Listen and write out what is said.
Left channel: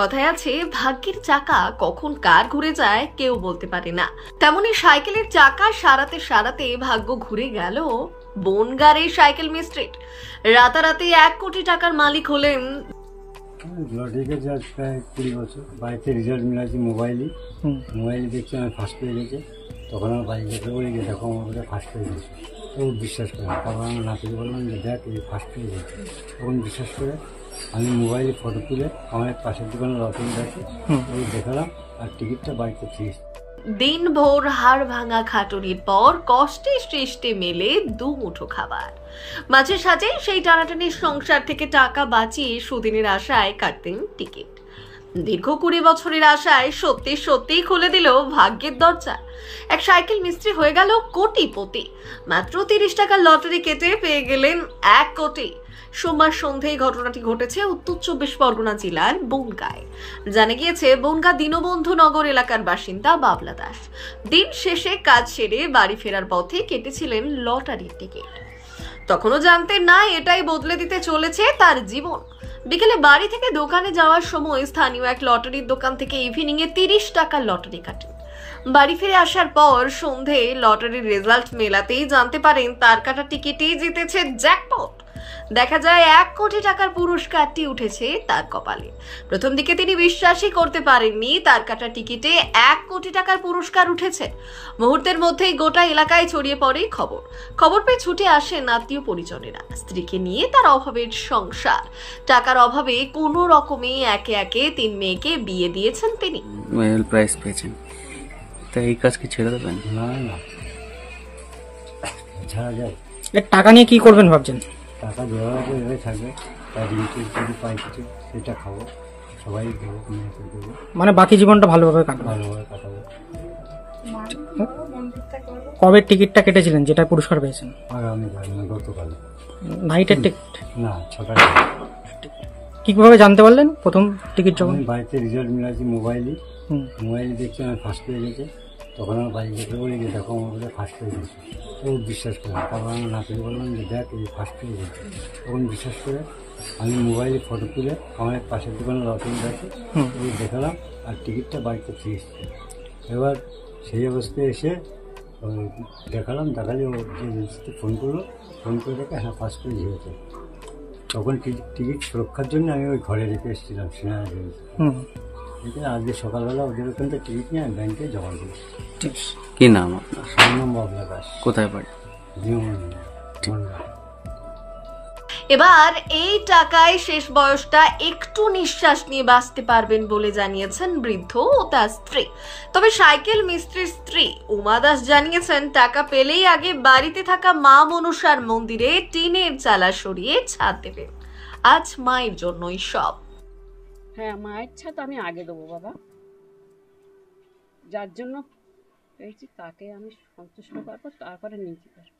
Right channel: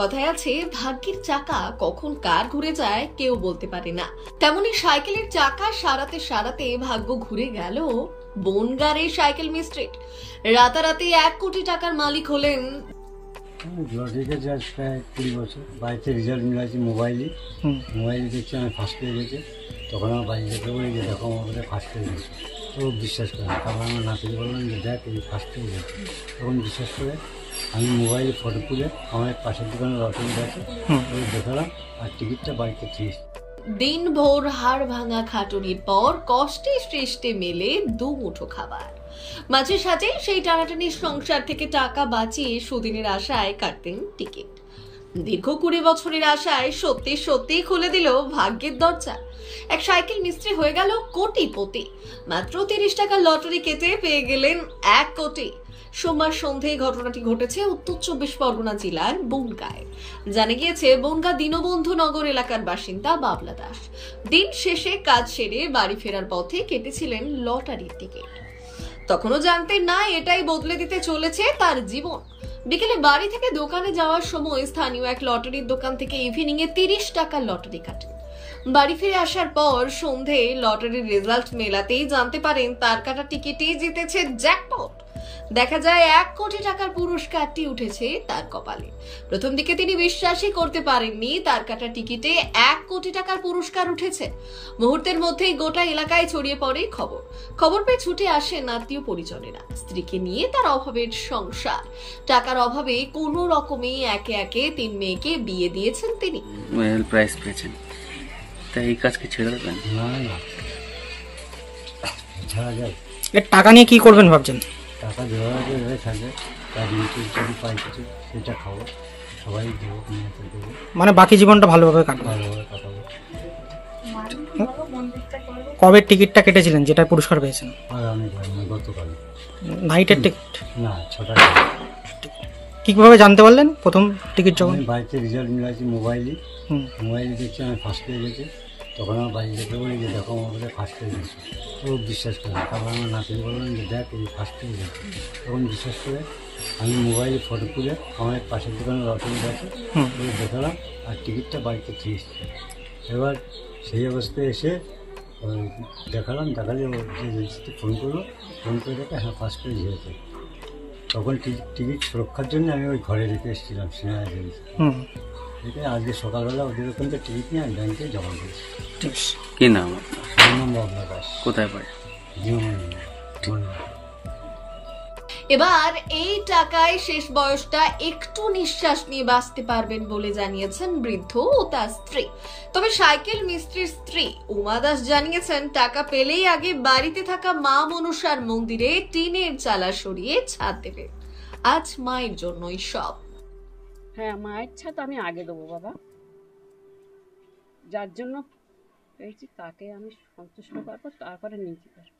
কথায় আছে ভাগ্যের চাকা কখন কার ঘুরে যায় কেউ বলতে পারে না। তেমনি সাইকেলের চাকা সারাতে সারাতে ভাগ্য ঘুরে গেল বনগাঁর সাইকেল মিস্ত্রির। রাতারাতি 1 কোটি টাকার মালিক হলেন। লটারিতে আজ প্রায় 20 বছর বাড়িতে রেজাল্ট মিলাচ্ছি মোবাইলে দেখছি আমি ফার্স্ট পেয়ে গেছে। তখন আমার বাড়ি থেকে বলি যে দেখো আমার বোধহয় ফার্স্ট পেয়ে গেছে। তো বিশ্বাস করে না। তারপর আমার নাতিকে বললাম যে দেখ তুই ফার্স্ট পেয়ে গেছে। তখন বিশ্বাস করে আমি মোবাইলে ফটো তুলে আমার পাশের দোকানে লটারি আছে ওই দেখালাম আর টিকিটটা বাড়িতে ফিস। দিনভর হাড় ভাঙা খাটুনির পর কষ্টে সৃষ্টে মেলে দুমুঠো খাবার। মাঝে সাঝে সেই টানাটানির সংসার থেকে টাকা বাঁচিয়ে সুদিনের আশায় কাটতেন টিকিট। দীর্ঘ 20 বছরের আশায় সত্যি সত্যি খুলে দিল ভাগ্যের দরজা। এক সাইকেল মিস্ত্রি হয়ে গেল কোটিপতি। মাত্র 30 টাকার লটারি কেটে পেয়ে গেলেন 1 কোটি। সোমবার সন্ধ্যায় ঘটনাটি ঘটেছে উত্তর 24 পরগনা জেলার বনগাঁয়। জানা গিয়েছে বনগাঁ দীনবন্ধু নগর এলাকার বাসিন্দা বাবলা দাস দিন শেষে কাজ সেরে বাড়ি ফেরার পথে কেটেছিলেন লটারির টিকিট। তখনও জানতেন না এটাই বদলে দিতে চলেছে তার জীবন। বিকেলে বাড়ি থেকে দোকানে যাওয়ার সময় স্থানীয় এক লটারির দোকান থেকে ইভিনিং এ 30 টাকার লটারি কাটেন। বাড়ি ফিরে আসার পর সন্ধে লটারির রেজাল্ট মেলাতেই জানতে পারেন তার কাটা টিকিটেই জিতেছে জ্যাকপট। দেখা যায় 1 কোটি টাকার পুরস্কারটি উঠেছে তার কপালে। প্রথম দিকে তিনি বিশ্বাসই করতে পারেননি তার কাটা টিকিটে 1 কোটি টাকার পুরস্কার উঠেছে। মুহূর্তের মধ্যেই গোটা এলাকায় ছড়িয়ে পড়ে খবর পেয়ে ছুটে আসেন আত্মীয় পরিজনেরা। স্ত্রীকে নিয়ে তার অভাবের সংসার। টাকার অভাবে কোনো রকমে একে একে 3 মেয়েকে বিয়ে দিয়েছেন তিনি। প্রাইজ পেয়েছেন, তাই এই কাজ কি ছেড়ে দেবেন? না না, ছাড়া যায়। এর টাকা নিয়ে কি করবেন ভাবছেন? টাকা দেওয়া আছে এভাবে থাকবে, তার নিচে যদি পাই কিছু সেটা খাবো, সবাই দেবো, নিয়ে এসে দেবো, মানে বাকি জীবনটা ভালোভাবে কাটবে। ভালোভাবে কাটাবো। কবে টিকিটটা কেটেছিলেন যেটা পুরস্কার পেয়েছেন? আগামী গতকাল নাইটের টিকিট? না, 6টা। কিভাবে জানতে পারলেন প্রথম টিকিট যখন? আমি বাড়িতে রেজাল্ট মিলাচ্ছি মোবাইলে দেখছি আমি ফার্স্ট পেয়ে গেছে। তখন আমার বাড়ি থেকে বলি যে দেখো আমার বোধহয় ফার্স্ট পেয়ে গেছে। তো বিশ্বাস করে না। তারপর আমার নাতিকে বললাম যে দেখ তুই ফার্স্ট পেয়ে গেছে। তখন বিশ্বাস করে আমি মোবাইলে ফটো তুলে আমার পাশের দোকানে লটারি আছে ওই দেখালাম আর টিকিটটা বাড়িতে ফিরে এসেছে। এবার সেই অবস্থায় এসে ওই দেখালে ও যে রেজিস্ট্রিতে ফোন করে দেখে হ্যাঁ ফার্স্ট পেজ হয়েছে। তখন টিকিট সুরক্ষার জন্য আমি ওই ঘরে রেখে এসেছিলাম সিনেমা দেখে। আজকে সকালবেলা ওদের ওখান থেকে টিকিট নিয়ে আমি ব্যাংকে জমা দিয়েছি। কি নাম আপনার? আমার নাম বাবলা দাস। কোথায় বাড়ি? এবার এই টাকায় শেষ বয়সটা একটু নিঃশ্বাস নিয়ে বাঁচতে পারবেন বলে জানিয়েছেন বৃদ্ধ ও তার স্ত্রী। তবে সাইকেল মিস্ত্রির স্ত্রী উমা দাস জানিয়েছেন টাকা পেলেই আগে বাড়িতে থাকা মা মনসার মন্দিরে টিনের চালা সরিয়ে ছাদ দেবে। আজ মায়ের জন্যই সব। হ্যাঁ, মায়ের ছাদ আমি আগে দেবো বাবা। যার জন্য পেয়েছি তাকে আমি সন্তুষ্ট করবো, তারপরে নিজে করবো।